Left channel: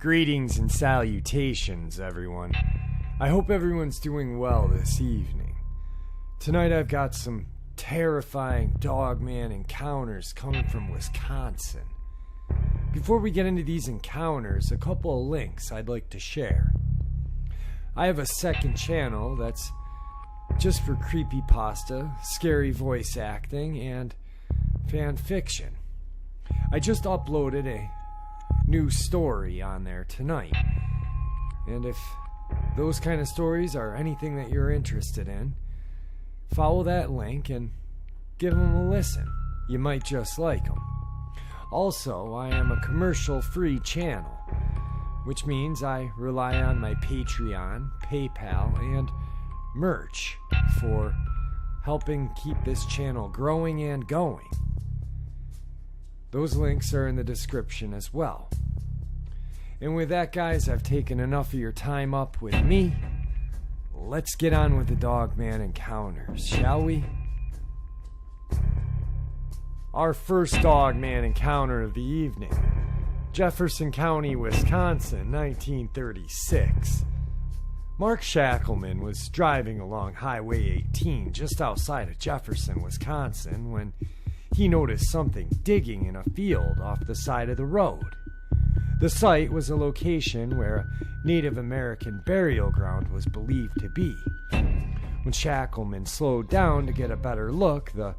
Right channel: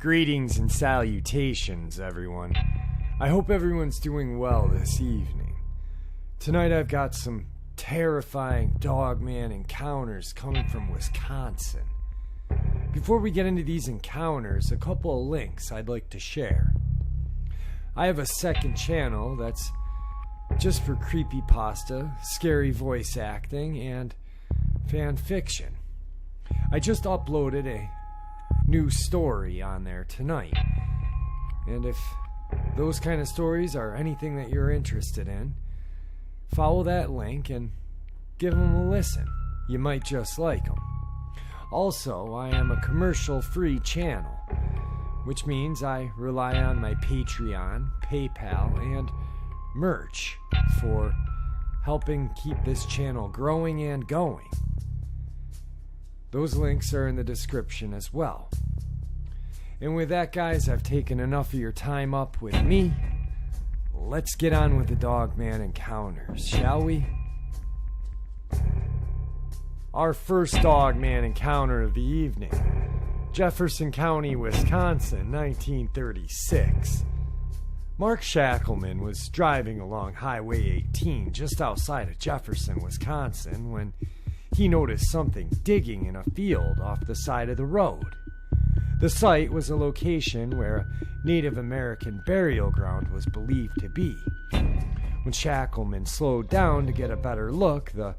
Greetings and salutations, everyone. I hope everyone's doing well this evening. Tonight I've got some terrifying Dogman encounters coming from Wisconsin. Before we get into these encounters, a couple of links I'd like to share. I have a second channel that's just for creepypasta, scary voice acting, and fan fiction. I just uploaded a new story on there tonight. And if those kind of stories are anything that you're interested in, follow that link and give them a listen. You might just like them. Also, I am a commercial-free channel, which means I rely on my Patreon, PayPal, and merch for helping keep this channel growing and going. Those links are in the description as well. And with that, guys, I've taken enough of your time up with me. Let's get on with the Dogman encounters, shall we? Our first Dogman encounter of the evening. Jefferson County, Wisconsin, 1936. Mark Shackleman was driving along Highway 18 just outside of Jefferson, Wisconsin, when he noticed something digging in a field off the side of the road. The site was a location where a Native American burial ground was believed to be. When Shackleman slowed down to get a better look, the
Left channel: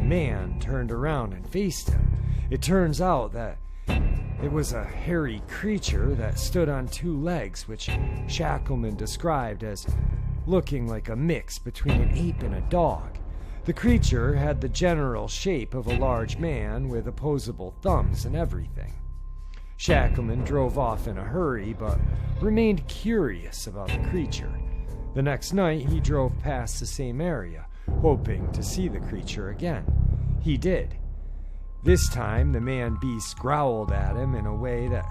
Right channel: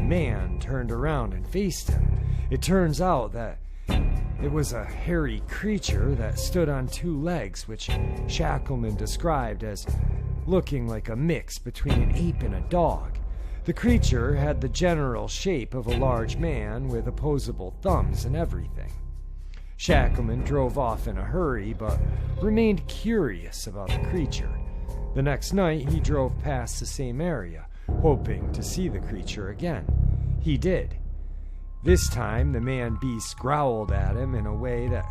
man turned around and faced him. It turns out that it was a hairy creature that stood on two legs, which Shackleman described as looking like a mix between an ape and a dog. The creature had the general shape of a large man with opposable thumbs and everything. Shackleman drove off in a hurry, but remained curious about the creature. The next night, he drove past the same area, hoping to see the creature again. He did. This time, the man-beast growled at him in a way that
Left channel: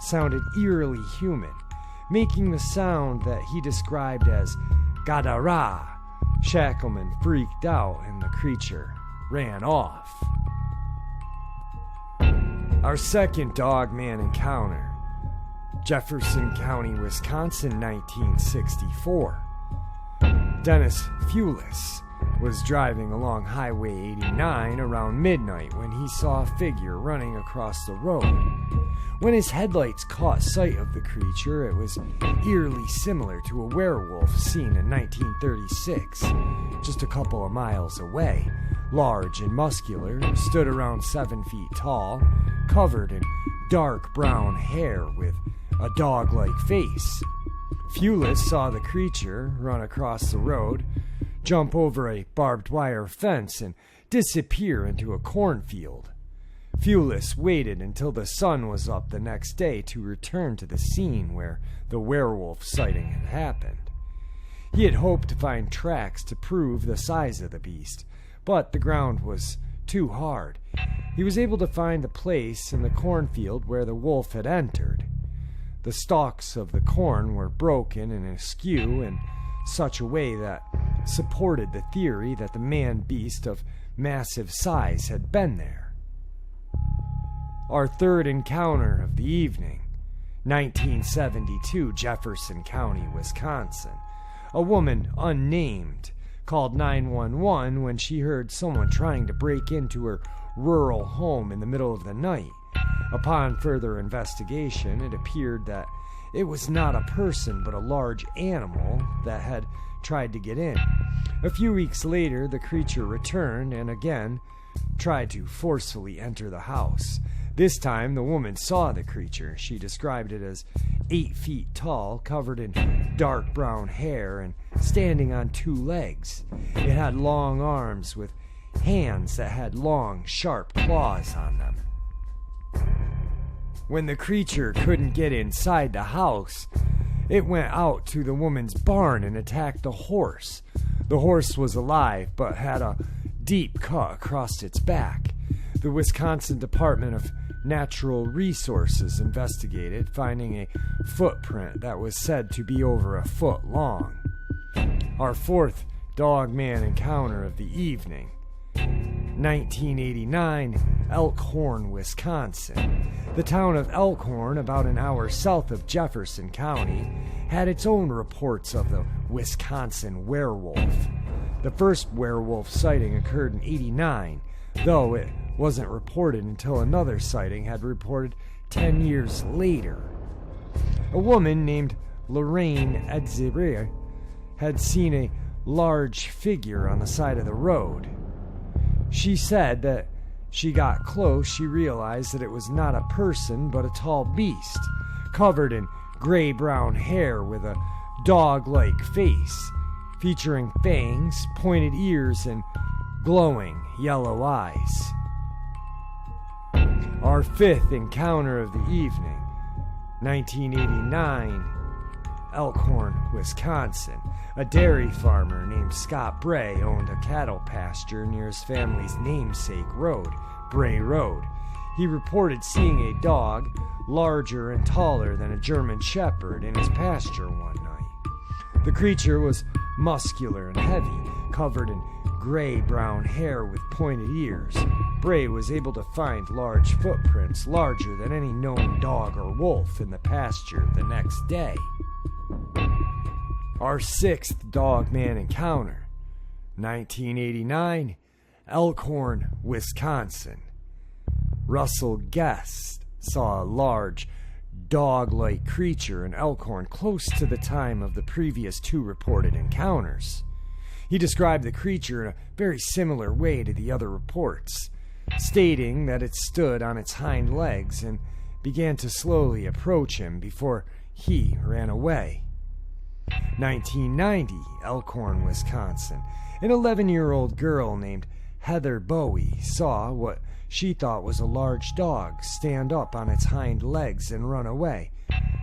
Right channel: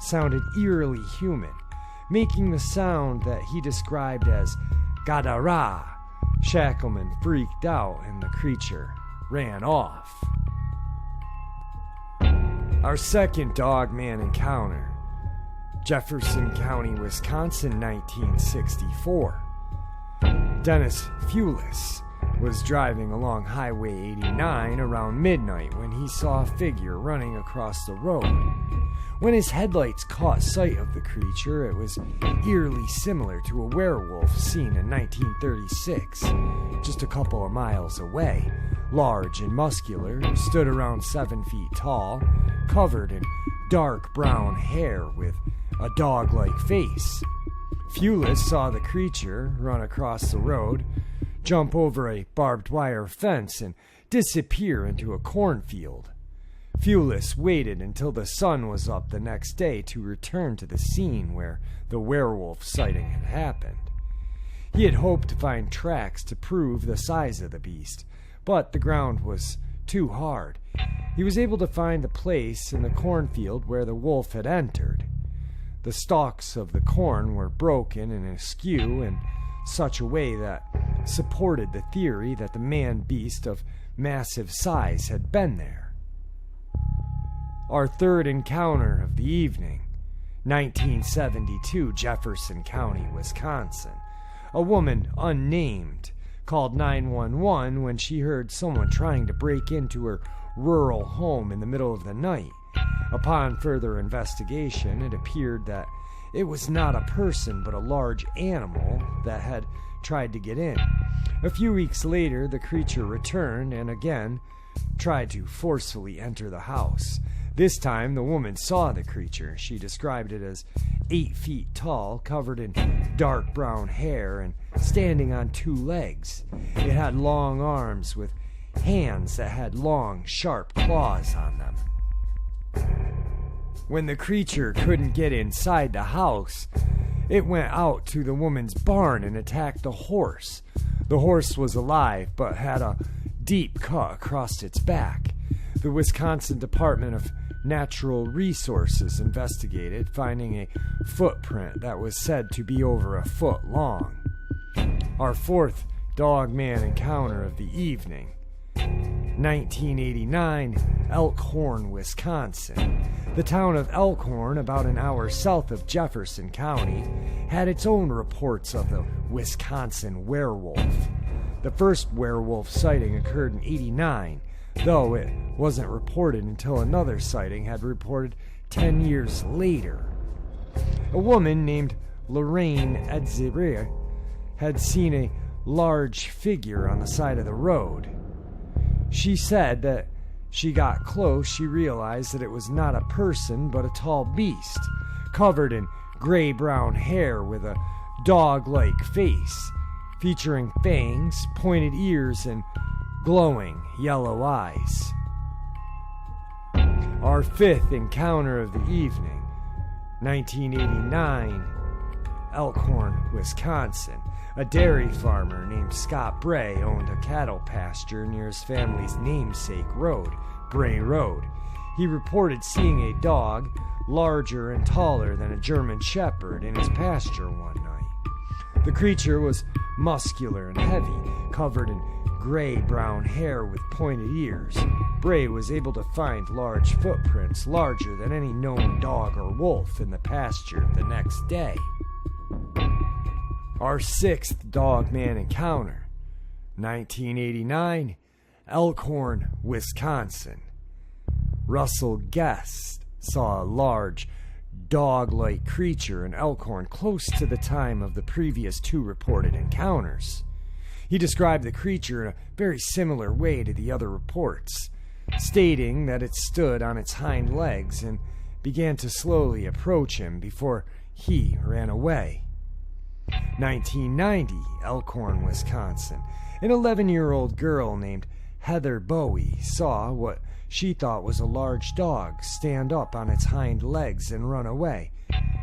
sounded eerily human, making the sound that he described as Gadara. Shackleman freaked out and the creature ran off. Our second Dogman encounter. Jefferson County, Wisconsin, 1964. Dennis Fulis was driving along Highway 89 around midnight when he saw a figure running across the road. When his headlights caught sight of the creature, it was eerily similar to a werewolf seen in 1936, just a couple of miles away. Large and muscular, stood around 7 feet tall, covered in dark brown hair with a dog-like face. Fulis saw the creature run across the road, jump over a barbed wire fence, and disappear into a cornfield. Fulis waited until the sun was up the next day to return to the scene where the werewolf sighting had happened. He had hoped to find tracks to prove the size of the beast, but the ground was too hard. He was able to find the place in the cornfield where the wolf had entered. The stalks of the corn were broken and askew in such a way that supported the theory that the man-beast of massive size had been there. Our third encounter of the evening, 1972, Jefferson County, Wisconsin. A woman, unnamed, called 911 when she heard someone trying to break into her rural home in the middle of the night. Upon further investigation, it appeared that it was not a person but a large animal that had tried to get in. A few weeks later, the creature returned and again tried to forcefully enter the house. This time, the woman saw the creature. She described it as 8 feet tall, covered in dark brown hair, and standing on two legs. It had long arms with hands that had long, sharp claws on them. When the creature couldn't get inside the house, it went out to the woman's barn and attacked the horse. The horse was alive, but had a deep cut across its back. The Wisconsin Department of Natural Resources investigated, finding a footprint that was said to be over a foot long. Our fourth Dogman encounter of the evening. 1989, Elkhorn, Wisconsin. The town of Elkhorn, about an hour south of Jefferson County, had its own reports of the Wisconsin werewolf. The first werewolf sighting occurred in '89, though it wasn't reported until another sighting had reported 10 years later. A woman named Lorraine Edzire had seen a large figure on the side of the road. She said that she got close, she realized that it was not a person but a tall beast, covered in gray-brown hair with a dog-like face, featuring fangs, pointed ears, and glowing yellow eyes. Our fifth encounter of the evening, 1989, Elkhorn, Wisconsin. A dairy farmer named Scott Bray owned a cattle pasture near his family's namesake road, Bray Road. He reported seeing a dog larger and taller than a German shepherd in his pasture one night. The creature was muscular and heavy, covered in gray-brown hair with pointed ears. Bray was able to find large footprints larger than any known dog or wolf in the pasture the next day. Our sixth Dogman encounter, 1989, Elkhorn, Wisconsin. Russell Guest saw a large, dog-like creature in Elkhorn close to the time of the previous two reported encounters. He described the creature in a very similar way to the other reports, stating that it stood on its hind legs and began to slowly approach him before he ran away. 1990, Elkhorn, Wisconsin. An 11-year-old girl named Heather Bowie saw what she thought was a large dog stand up on its hind legs and run away.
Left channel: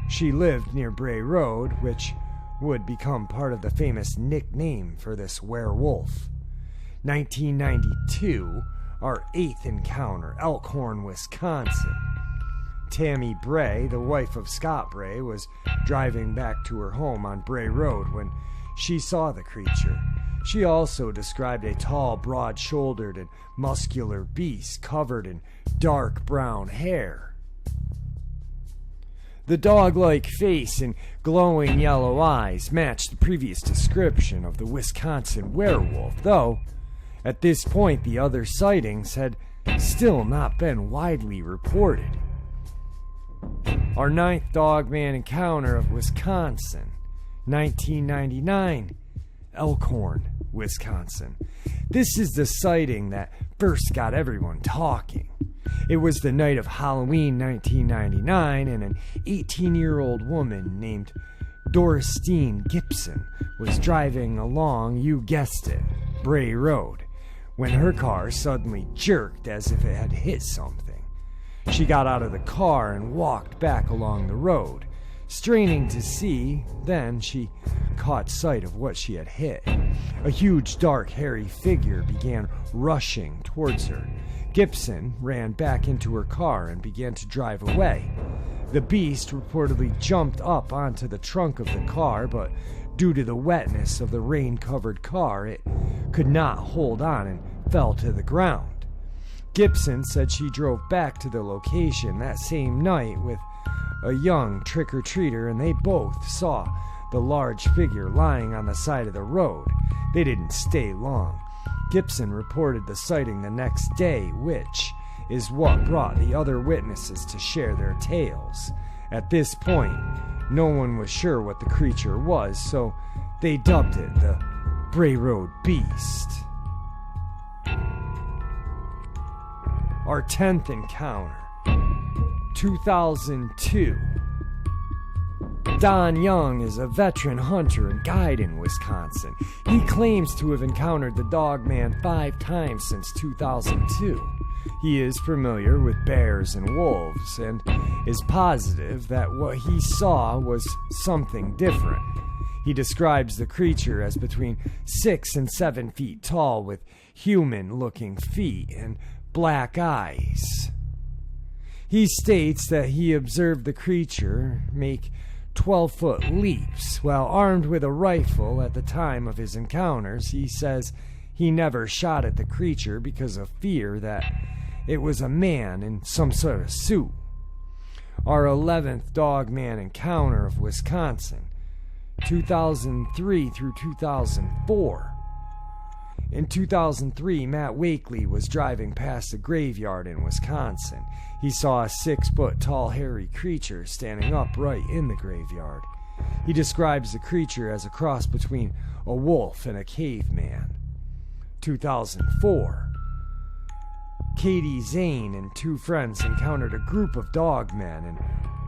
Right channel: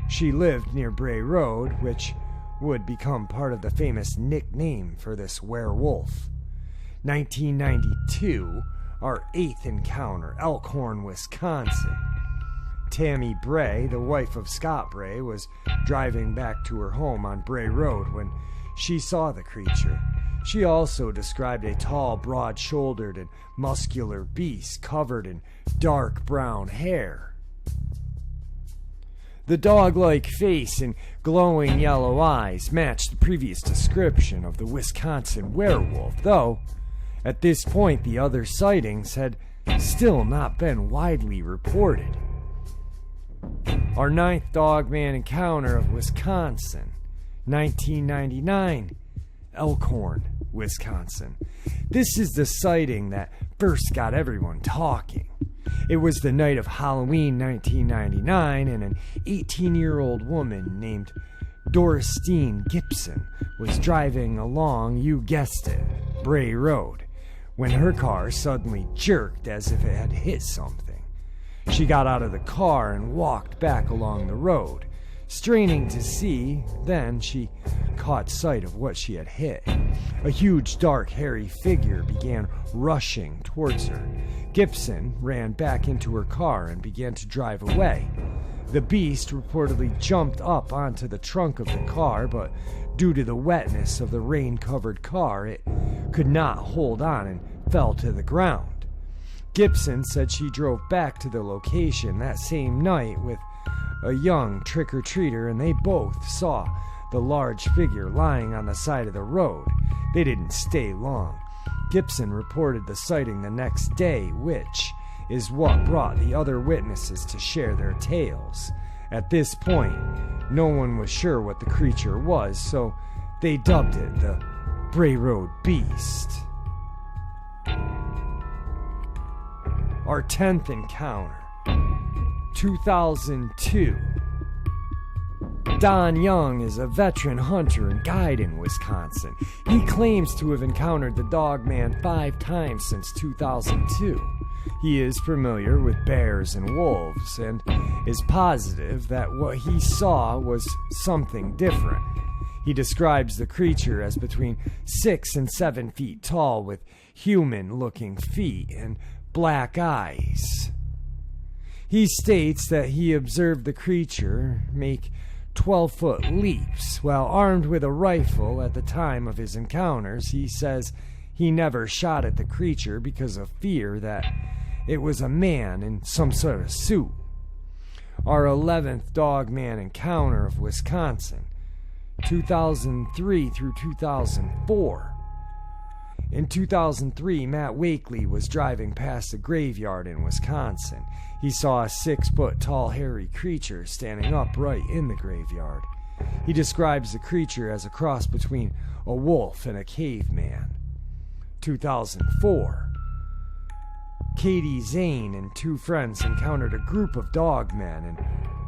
She lived near Bray Road, which would become part of the famous nickname for this werewolf. 1992, our eighth encounter, Elkhorn, Wisconsin. Tammy Bray, the wife of Scott Bray, was driving back to her home on Bray Road when she saw the creature. She also described a tall, broad-shouldered, and muscular beast covered in dark brown hair. The dog-like face and glowing yellow eyes matched the previous description of the Wisconsin werewolf, though at this point the other sightings had still not been widely reported. Our ninth Dogman encounter of Wisconsin, 1999, Elkhorn, Wisconsin. This is the sighting that first got everyone talking. It was the night of Halloween 1999, and an 18-year-old woman named Doristine Gibson was driving along, you guessed it, Bray Road, when her car suddenly jerked as if it had hit something. She got out of the car and walked back along the road, straining to see. Then she caught sight of what she had hit. A huge, dark, hairy figure began rushing towards her. Gibson ran back into her car and began to drive away. The beast reportedly jumped up onto the trunk of the car, but due to the wetness of the rain-covered car, it could not hold on and fell to the ground. Gibson said she drove back to the location that same night with a young trick-or-treater, and they both saw the large figure lying on the side of the road. They didn't stay long. Gibson reported the sighting the next day, which is what brought the other witnesses to share their tales. At this point, no one was sure what the creature was, so they dubbed it the Bray Road Beast. Our 10th encounter, 2002. Don Young is a veteran hunter and guide in Wisconsin. He claims to have encountered the Dogman 5 times since 2002. He is familiar with bears and wolves and is positive that what he saw was something different. He describes the creature as between 6 and 7 feet tall with human-looking feet and black eyes. He states that he observed the creature make 12-foot leaps while armed with a rifle at the time of his encounters. He says he never shot at the creature because of fear that it was a man in some sort of suit. our 11th Dogman encounter of Wisconsin, 2003 through 2004. In 2003, Matt Wakely was driving past a graveyard in Wisconsin. He saw a 6-foot-tall hairy creature standing upright in the graveyard. He describes the creature as a cross between a wolf and a caveman. 2004. Katie Zane and 2 friends encountered a group of dogmen in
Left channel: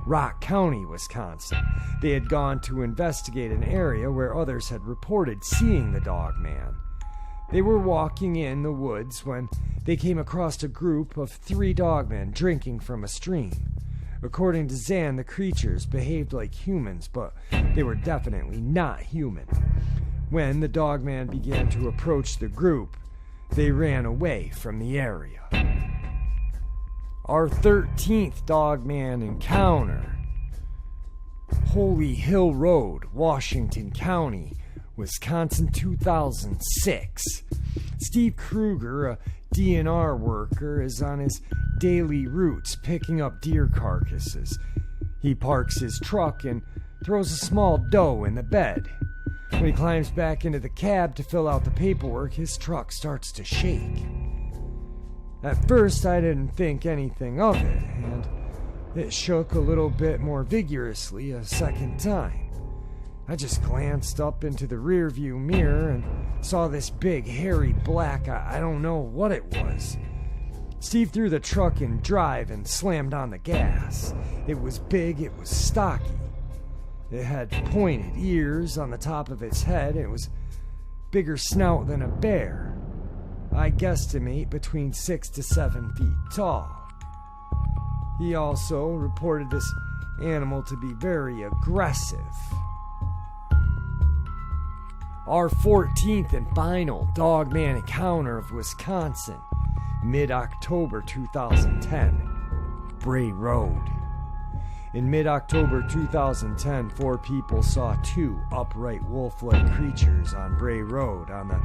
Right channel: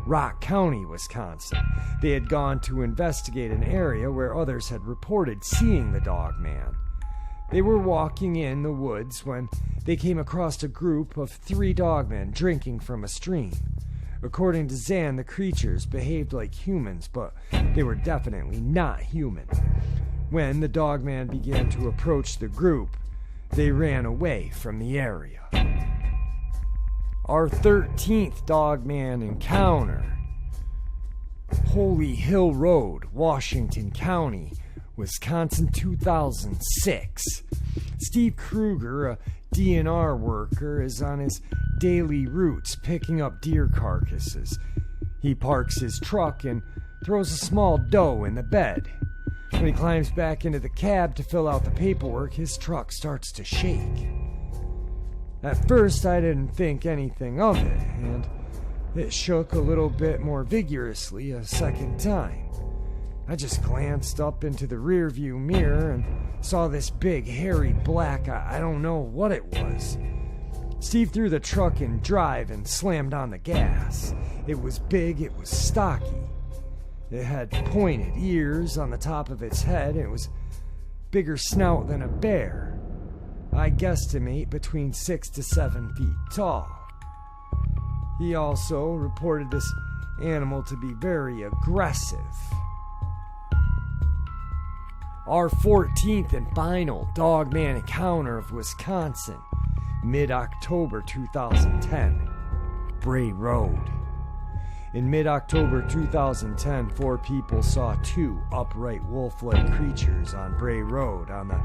Rock County, Wisconsin. They had gone to investigate an area where others had reported seeing the dogman. They were walking in the woods when they came across a group of 3 dogmen drinking from a stream. According to Zan, the creatures behaved like humans, but they were definitely not human. When the dogman began to approach the group, they ran away from the area. Our 13th Dogman encounter. Holy Hill Road, Washington County, Wisconsin, 2006. Steve Kruger, a DNR worker, is on his daily routes picking up deer carcasses. He parks his truck and throws a small doe in the bed. When he climbs back into the cab to fill out the paperwork, his truck starts to shake. At first, I didn't think anything of it, and it shook a little bit more vigorously a second time. I just glanced up into the rearview mirror and saw this big, hairy black, I don't know what it was. Steve threw the truck in drive and slammed on the gas. It was big, it was stocky. It had pointed ears on the top of its head, and it was bigger snout than a bear. I guesstimate between 6 to 7 feet tall. He also reported this animal to be very aggressive. Our 14th and final Dogman encounter of Wisconsin, mid-October 2010, Bray Road. In mid-October 2010, 4 people saw 2 upright wolf-like creatures on Bray Road on a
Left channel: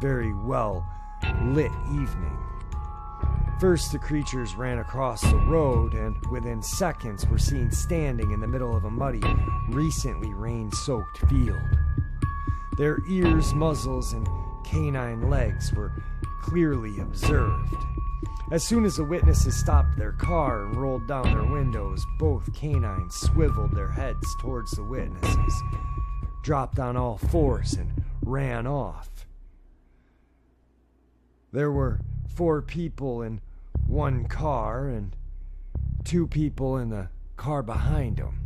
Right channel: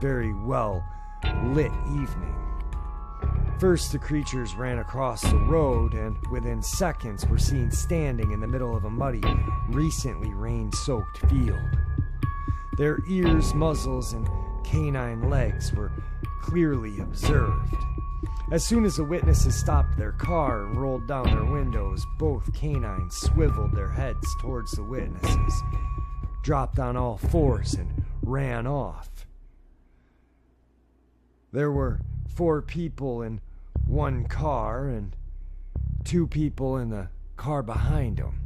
very well-lit evening. First, the creatures ran across the road and within seconds were seen standing in the middle of a muddy, recently rain-soaked field. Their ears, muzzles, and canine legs were clearly observed. As soon as the witnesses stopped their car and rolled down their windows, both canines swiveled their heads towards the witnesses, dropped on all fours, and ran off. There were 4 people in one car and 2 people in the car behind them.